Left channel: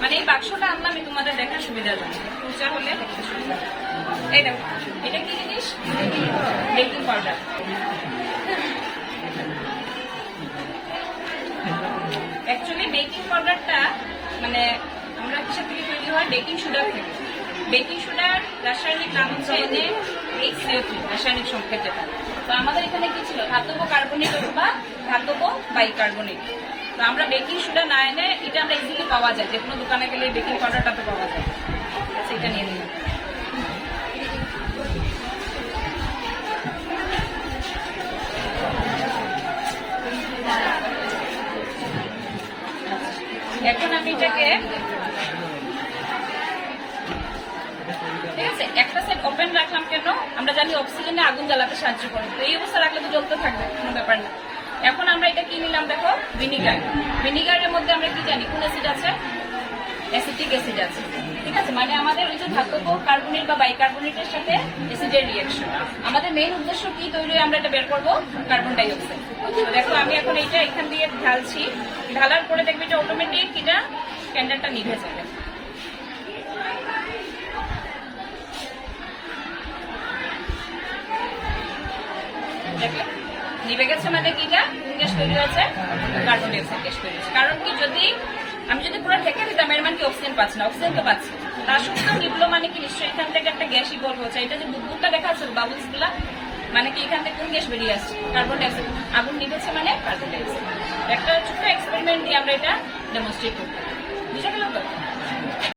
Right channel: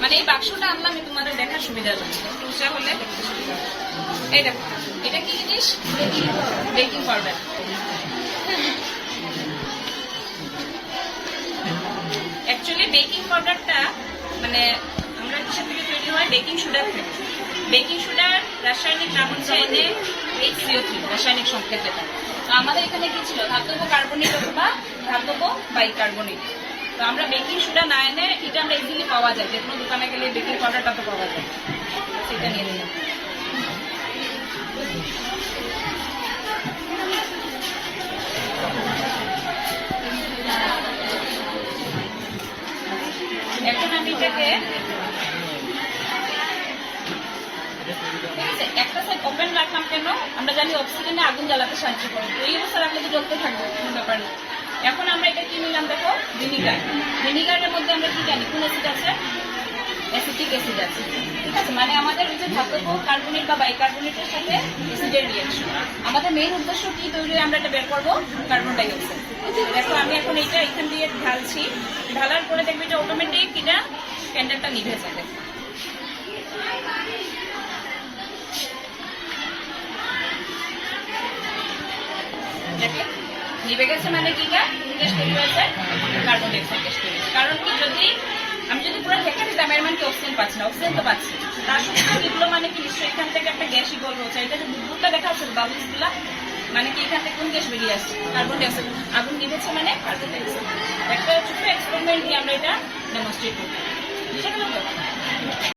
মানে এই বাক্সটা আনলাম তোমাদের দেখার সুবিধার জন্য, একটু উঁচা হলে দেখতে সুবিধা। এই দেখো এটা কি জিনিস, বেকিং পাউডার। অ্যাকচুয়ালি বেকিং পাউডারটা মানে আমরা কিসের থেকে তৈরি হয়, বেকিং সুগার থেকে। বেকিং সুগার রাসায়নিক নাম হচ্ছে NaHCO3, রাসায়নিক সংকেত যেটা। তো আমাদের এখানে কি ছিল, ধাতব কার্বনেট অথবা ধাতব বাইকার্বনেট। তো আমরা বেকিং সোডা না এনে এটা আমরা ইজিলি পাওয়া যায়, যে কোনো দোকানে গেলে বেকিং পাউডারটা তো পাওয়া যায়, সেটা নিয়ে নিলাম। এখন আমি এটাকে ঠিক আছে একটা সাইড ওপেন রাখলাম কেন, আমরা জানি অক্সিজেনে আগুন জ্বালাতে সাহায্য করে, তো এই অবস্থা রাখলে তো জ্বলতে থাকবে, কোনো ব্যাপার না। এখন আমরা এটা কি নিলাম দেখো, ভিনিগার। ভিনিগারের মধ্যে আমরা কি জানি, কোন অ্যাসিড আছে, অ্যাসিটিক অ্যাসিড আছে, ঠিক আছে। মানে আমাদের ওই যে ধাতব কার্বনেট বা বাইকার্বনেটের সাথে অ্যাসিডের রিঅ্যাকশন। আমাদের মেইন উদ্দেশ্য কি তৈরি, আমরা এটা বের করবো কার্বন ডাই অক্সাইড। দেখো আমি এখন এটা এখান দিয়ে ঢালছি, ঢালার পরে দেখবে এটা অটোমেটিক এটা ক্যান্ডেলটা নিভে যাবে। দেখলে নিভে গেছে, মানে কি এটা গ্যাস তৈরি হয়েছে, কার্বন ডাই অক্সাইড গ্যাস তৈরি হয়েছে। কারণ কি, আমি যদি পুরো ঢেকে দিতাম এর মানে কি অক্সিজেন পাচ্ছি না, অক্সিজেন তো পাচ্ছি। তার সঙ্গে নিবলো মানে কি, নিশ্চয়ই এখান থেকে একটা গ্যাস ইভলভ হচ্ছে। এটা যে বুদবুদটা দেখা যাচ্ছে বাবুলস গুলা, মানে কি এখান থেকে কোন গ্যাস বেরিয়ে আসছে, কার্বন ডাই অক্সাইড। আগুন নিভেছে মানে কার্বন ডাই অক্সাইড। একটা ছোট্ট এক্সপেরিমেন্ট দিয়ে আমরা এটা ডেমনস্ট্রেট করতে, বুঝে গেল তো।